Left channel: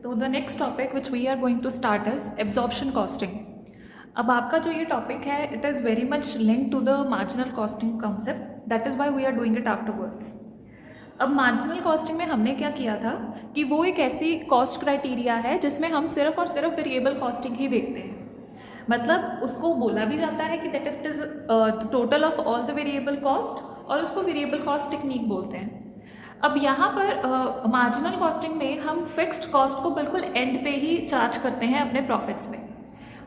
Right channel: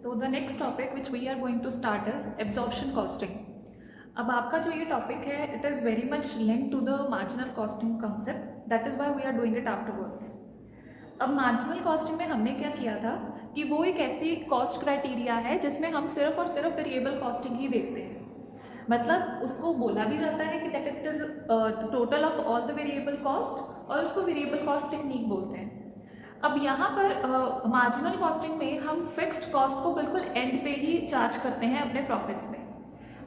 So the next topic which we are going to start is absorption costing. अब आपका जो ये topic है it is very much link to the marginal costing concept, that is why we are doing it afterwards. अब marginal costing में हमने क्या किया था कि वो एक ऐसी कॉस्ट क्राइटेरिया है जिसमें हम सिर्फ और सिर्फ वेरिएबल कॉस्टिंग ही देखते हैं. मतलब उसको बोला भी जाता है कि that it is total of all the variable cost, और उसको वेरिएबल कॉस्ट टेक्निक बोलते हैं. अब यहाँ पर मार्जिनल कॉस्टिंग में हम फिक्स्ड कॉस्ट को बिल्कुल एंड पे ही चार्ज करते हैं अपने प्रॉफिट्स में.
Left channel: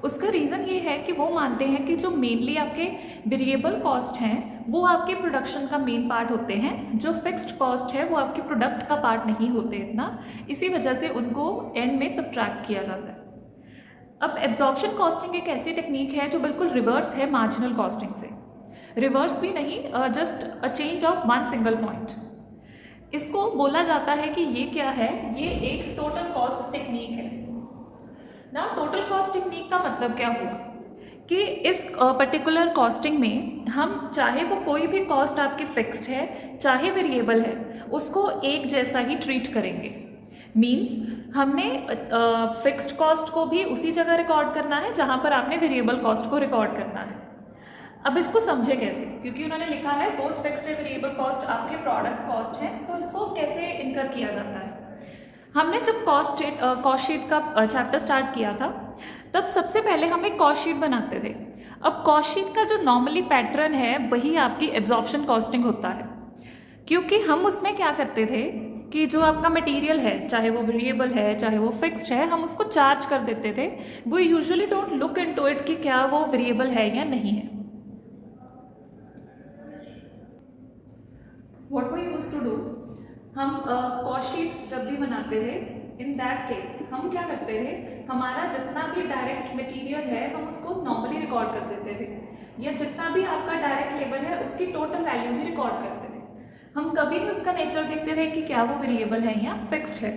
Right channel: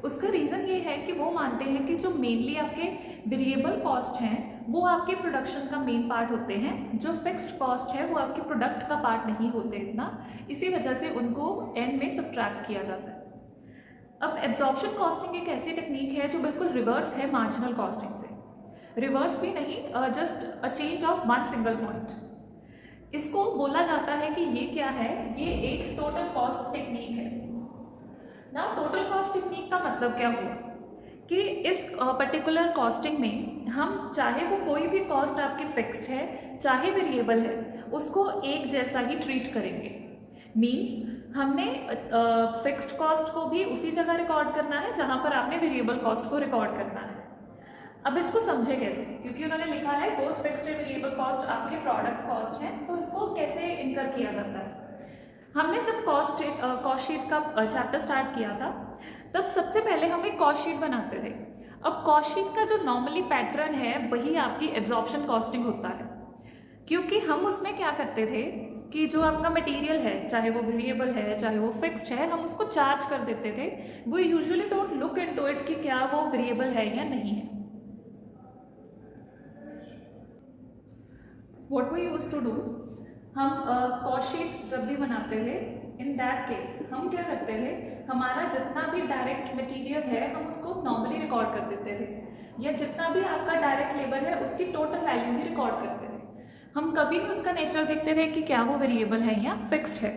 उसका रीज़न ये है कि वो मानते हैं कि जो मेनली आपके वेरिएबल कॉस्ट हैं वो आपके प्रोडक्शन का मेन पार्ट होते हैं, जो फिक्स्ड कॉस्ट है वो आपके प्रोडक्ट का पार्ट नहीं होते इतना, इसी वजह से उनको एंड में सब्ट्रैक्ट किया जाता है. अब एब्जॉर्प्शन कॉस्टिंग एक ऐसी टेक्निक है जो बिल्कुल रिवर्स है मार्जिनल कॉस्टिंग से. रिवर्स भी नहीं, just a change of one single point. इसको बोला जाता है कि ये क्या है, ये एक टोटल कॉस्ट टेक्निक है. ना टोटल कॉस्ट टेक्निक का मतलब क्या हुआ कि इस पर्टिकुलर कॉस्टिंग में हम चाहे वो कोई भी कॉस्ट आपकी फिक्स्ड है चाहे वेरिएबल है उसको एक जैसा ही ट्रीट करेंगे. मीन्स हमने फिक्स्ड कॉस्ट को भी उसी जगह रिकॉर्ड करना है जहाँ पर आपने वेरिएबल कॉस्ट को रिकॉर्ड करना है. अब इसको समझे कैसे, क्योंकि उन्होंने लिखा है both fixed and variable cost आपके प्रोडक्ट कॉस्ट है, तो इसको कैसे इनकर किया जाता है. हमने जब कॉस्ट शीट का चैप्टर स्टार्ट किया था तब सबसे पहले हम एक कॉस्ट शीट बनाते थे. अब कॉस्ट शीट का जो नॉर्मली पैटर्न है वही आपकी एब्जॉर्प्शन कॉस्टिंग होता है, क्योंकि हम उसमें क्या करते थे कि जो आपका मटेरियल है चाहे वो वेरिएबल है चाहे वो फिक्स्ड है हम उसको चार्ज कर देते थे. वो usually don't look into it कि क्या वो वेरिएबल है या नहीं है. What we used to do, हम कॉस्ट शीट जब भी बनाते थे इन दैट केस हम क्या करते थे, हमारा जितना भी डायरेक्ट मटेरियल है हम उसको नॉर्मली रिकॉर्ड कर देते थे, या जितना भी आपका डायरेक्ट लेबर है उसकी टोटल वैल्यू ही रिकॉर्ड करते थे. हम कभी भी उसका नेचर देखते थे कि क्या वो वेरिएबल है या फिक्स्ड है.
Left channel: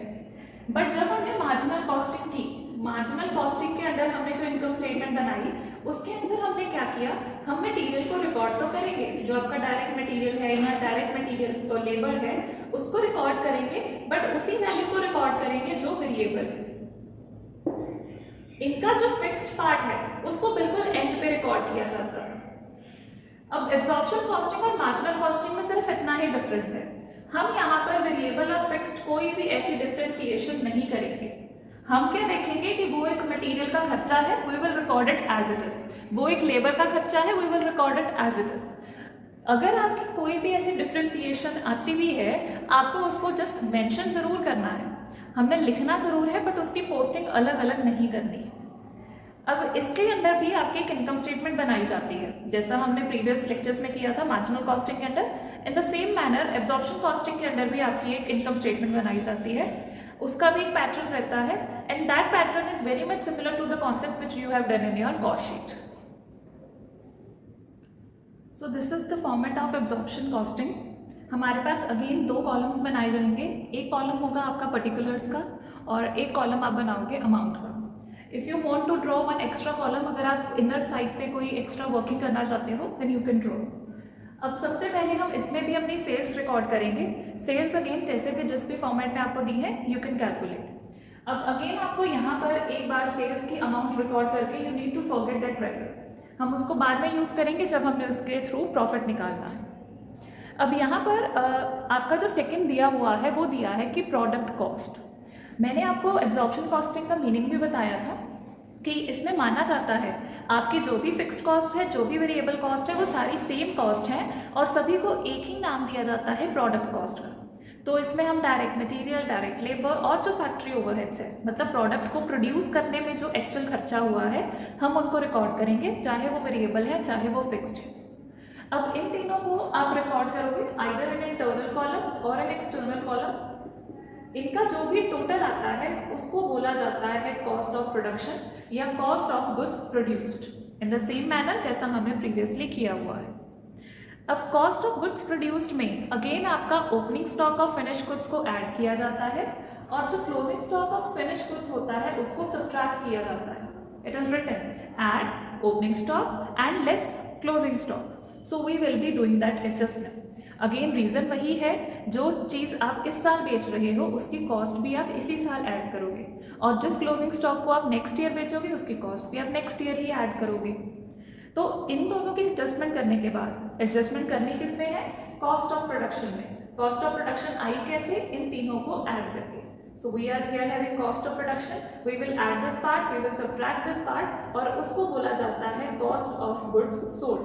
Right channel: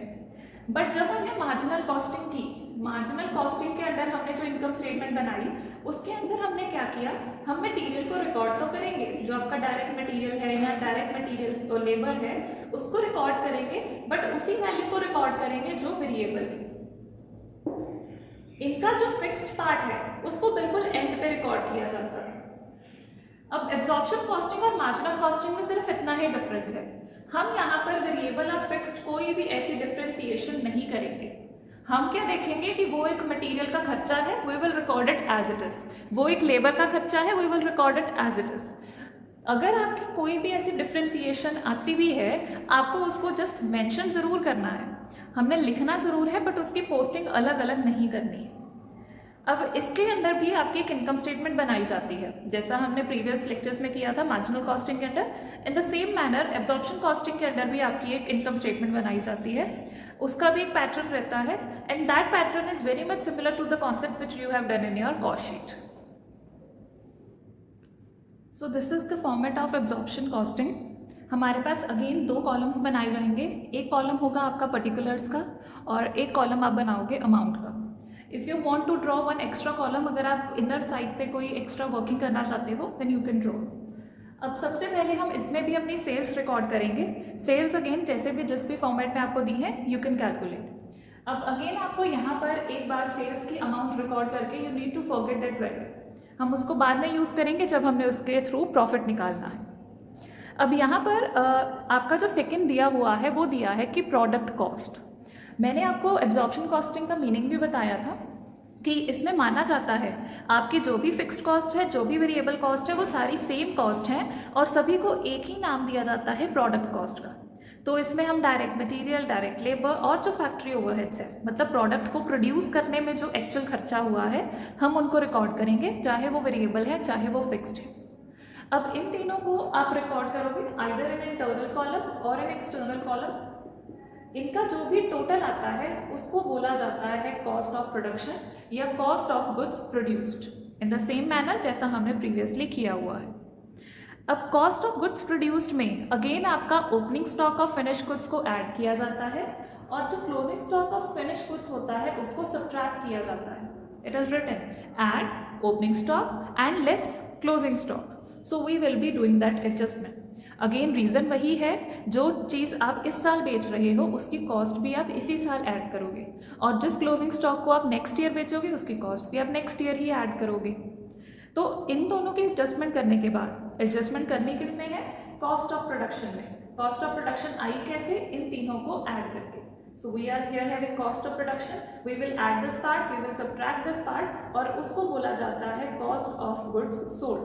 बट जब हमने मार्जिनल कॉस्टिंग की, मार्जिनल कॉस्टिंग के अंदर हमने जो इनकम स्टेटमेंट बनाई उसके अंदर हमने क्या किया, हम मटीरियल को रिकॉर्ड तो करेंगे, जो आपका डायरेक्ट मटीरियल है या डायरेक्ट मटीरियल तो लेबर है उसको रिकॉर्ड करेंगे, बट उसी वैल्यू को रिकॉर्ड करेंगे जो वेरिएबल है. इनका जो फिक्स्ड पार्ट है उसको बिल्कुल एंड पे रिकॉर्ड किया जाता है. अब एब्जॉर्प्शन कॉस्टिंग और मार्जिनल कॉस्टिंग में सिर्फ इतना ही डिफरेंस है, हम यहाँ पर वेरिएबल और फिक्स्ड कोई भी ऐसी डिफ्रेंसिएशन नहीं करेंगे. हम क्या देखेंगे कि वो एक मटेरियल का खर्चा है, we will record it as it is. वो एक लेबर का खर्चा है, we will record it as it is. अगर आपकी कोई भी ऐसी डिफ्रेंसिएशन आती भी है आपको उसको जस्ट मेंशन ज़रूर करना है, हमने लिखना ज़रूर है, बट उसकी पोस्टिंग अलग अलग नहीं करनी है. अब इसके अंदर भी आपकी एक इनकम स्टेटमेंट बनाई जाती है, जैसा हमने प्रीवियस लेक्चर्स में किया था मार्जिनल कॉस्टिंग के अंदर. इन the same manner absorption costing के अंदर भी आपकी एक इनकम स्टेटमेंट बनाई जाती है, उसका भी एक पैटर्न रहता है, and that pattern is very much similar to the concept which you have done in your cost sheet. So this is the format of absorption costing. हमारे पास अगेन दो कॉलम्स बनाए जाएंगे, एक कॉलम होगा आपका पर्टिकुलर्स का और एक कॉलम आप बनाओगे अमाउंट का. If you want to draw one extra column, अगर आप इनर साइड पे कोई एक्स्ट्रा वर्किंग करना चाहते हो देन यू कैन ड्रॉ. अब सबसे पहले हम इसमें भी अपनी सेल्स रिकॉर्ड करेंगे. सेल्स अगेन जैसे भी जिस भी फॉर्मेट में आपको दी है यू कैन कैलकुलेट. अब अगेन आपको यहाँ पर एक बार सेल्स की अमाउंट रिकॉर्ड करके you need to forget that vector. हम उसको बाद में यूज़ करेंगे जब हमें उसके थ्रू प्रॉफिट निकालना है. अब यहाँ पर आपका जो सेकेंड दिया हुआ है वो दिया है कि प्रोडक्ट कॉस्ट. मैंने आपको एब्जॉर्प्शन कॉस्टिंग का मीनिंग भी बताया था कि इसमें माना जाता है आपकी जो भी फिक्स्ड कॉस्ट है जो भी वेरिएबल कॉस्ट है वो सारी सेम कॉस्ट है और सभी को एक ही नाम दिया जाता है प्रोडक्ट कॉस्ट का. तो इसमें हम डायरेक्ट मटेरियल, डायरेक्ट लेबर और जो फैक्ट्री ओवरहेड्स है, मतलब प्रोडक्ट को प्रोड्यूस करने में जो एक्चुअल खर्चा हुआ है हम उनको रिकॉर्ड करेंगे, चाहे वो वेरिएबल है चाहे वो फिक्स्ड है. अब इन तीनों को आप रिकॉर्ड करोगे आइदर इन इंटरनल कॉलम और इन एक्सटर्नल कॉलम. इनका जो भी टोटल आता है उसको बोला जाता है कॉस्ट ऑफ प्रोडक्शन या cost of goods produced, in the same manner जैसा हमने प्रीवियसली किया हुआ है. अब कॉस्ट ऑफ गुड्स प्रोड्यूस्ड में अगेन आपका opening stock of finish goods को ऐड किया जाता है और जो closing stock of finish goods होता है उसको सब्ट्रैक्ट किया जाता है. It is written add opening stock and less closing stock. So we will be doing that adjustment. Again reason वही है, जो चीज़ आप इस साल बेच रहे हो उसकी कॉस्ट भी आप इसी साल ऐड करोगे, और जिस क्लोजिंग स्टॉक को आप नेक्स्ट ईयर बेचोगे उसकी कॉस्ट भी आप नेक्स्ट ईयर ही ऐड करोगे। तो इन दोनों की एडजस्टमेंट करने के बाद, एडजस्टमेंट करनी किसमें है, कॉस्ट ऑफ प्रोडक्शन में। कॉस्ट ऑफ प्रोडक्शन आई कैसे, इन तीनों को ऐड करके। So we are here having cost of production. We will add this part, we will subtract this part, और उसको बोला जाता है cost of goods sold.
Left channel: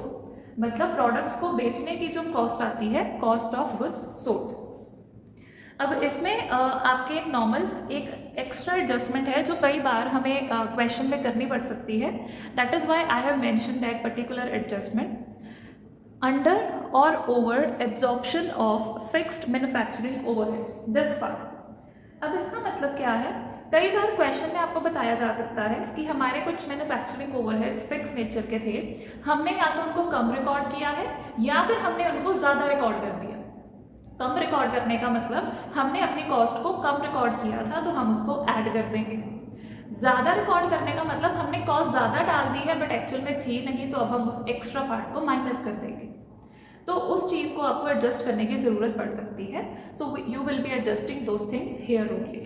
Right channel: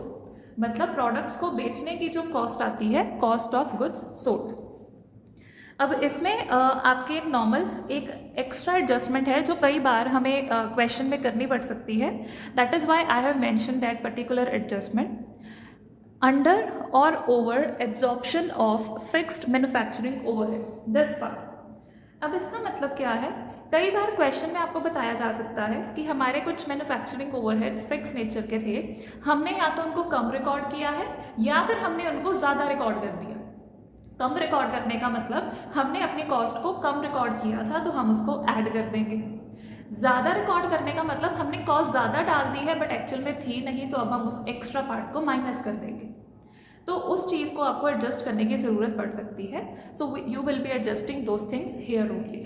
मतलब प्रोडक्ट्स को बेचने की जो कॉस्ट आती है, कॉस्ट ऑफ गुड्स सोल्ड। अब इसमें आपके एक नॉर्मल एक एक्स्ट्रा एडजस्टमेंट है जो कई बार हमें क्वेश्चन में करनी पड़ सकती है। That is why I have mention that particular adjustment under or over absorption of fixed manufacturing overhead, this part. अब इसका मतलब क्या है, कई बार क्वेश्चन में आपको बताया जा सकता है कि हमारे कुछ मैन्युफैक्चरिंग ओवरहेड्स फिक्स नेचर के थे, हमने या तो उनको कम रिकॉर्ड किया है या फिर हमने उनको ज़्यादा रिकॉर्ड कर दिया। कम रिकॉर्ड करने का मतलब हमने अपनी कॉस्ट को कम रिकॉर्ड किया था तो हम उसको ऐड कर देंगे। ज़्यादा रिकॉर्ड करने का मतलब हमने कॉस्ट ज़्यादा डाल दी है बट एक्चुअल में थी नहीं, तो अब हम उस एक्स्ट्रा पार्ट को माइनस कर देंगे। तो उस चीज़ को आपको एडजस्ट करने की ज़रूरत पड़ सकती है। So you will be adjusting those things here only,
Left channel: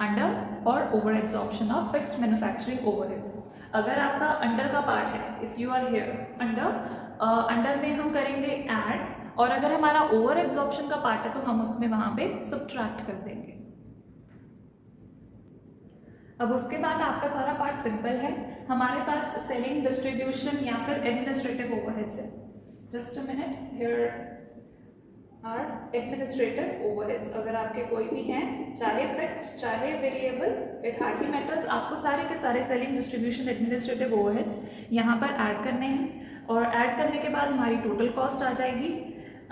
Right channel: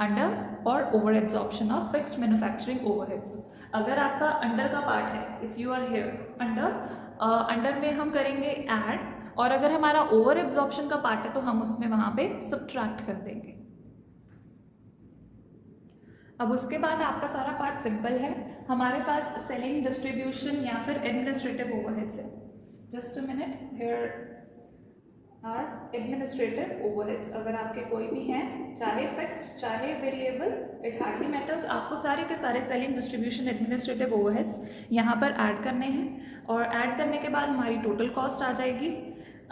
under or over absorption of fixed manufacturing overheads. अगर आपका अंडर का पार्ट है, if you are here under में हम करेंगे ऐड, और अगर हमारा ओवर एब्जॉर्प्शन का पार्ट है तो हम उसमें वहाँ पे सब्ट्रैक्ट कर देंगे। अब उसके बाद आपका सारा पार्ट सिंपल है, हमारे पास सेलिंग, डिस्ट्रीब्यूशन या फिर एडमिनिस्ट्रेटिव ओवरहेड्स है। Just a minute, here are administrative overheads. अगर आपके कोई भी हैं, चाहे फिक्स्ड चाहे वेरिएबल, इट हार्डली मैटर्स, आपको सारे के सारे सेलिंग, डिस्ट्रीब्यूशन, एडमिनिस्ट्रेटिव ओवरहेड्स यहाँ पर ऐड करने हैं, और ऐड करने के बाद हमारी टोटल कॉस्ट आ जाएगी।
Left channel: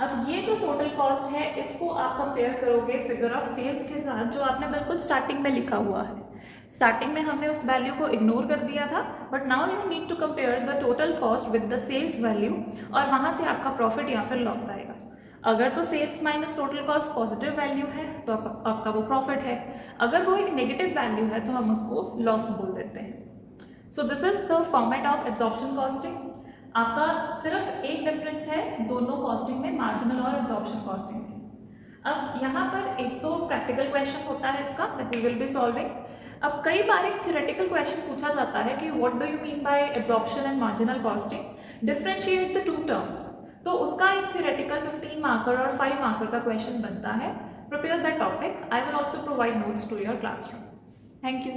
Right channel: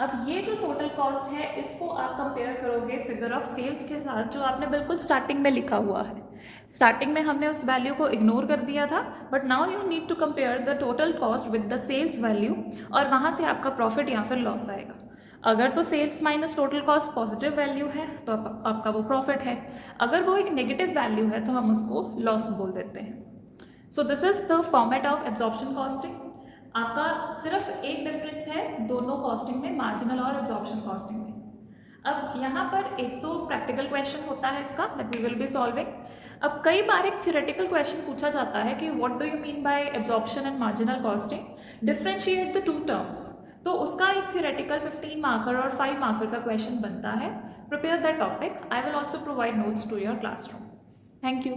अब ये जो टोटल कॉस्ट है इसको आप कंपेयर करोगे फिगर ऑफ सेल्स के साथ, जो आपने बिल्कुल स्टार्टिंग में लिखा हुआ है। स्टार्टिंग में हमने उस वैल्यू को इग्नोर कर दिया था, but now you need to compare the total cost with the sales value, और वहाँ से आपका प्रॉफिट या फिर लॉस आएगा। अगर तो sales minus total cost positive value है तो आपका वो प्रॉफिट है, अगर वो एक नेगेटिव वैल्यू है तो हम उसको लॉस बोल देते हैं। सो this is the format of absorption costing. आपका सिर्फ एक डिफरेंस है दोनों कॉस्टिंग में, मार्जिनल और एब्जॉर्प्शन कॉस्टिंग में। अब यहाँ पर एक तो प्रैक्टिकल क्वेश्चन होता है इसका, that we will be solving. अब कई बार एक थ्योरेटिकल क्वेश्चन पूछा जाता है कि what do you mean by absorption and marginal costing, differentiate the two terms. तो उसका एक थ्योरेटिकल 15 मार्कर और 5 मार्कर का क्वेश्चन बनता है। Prepare that topic, I will also provide notes to your classroom. Thank you.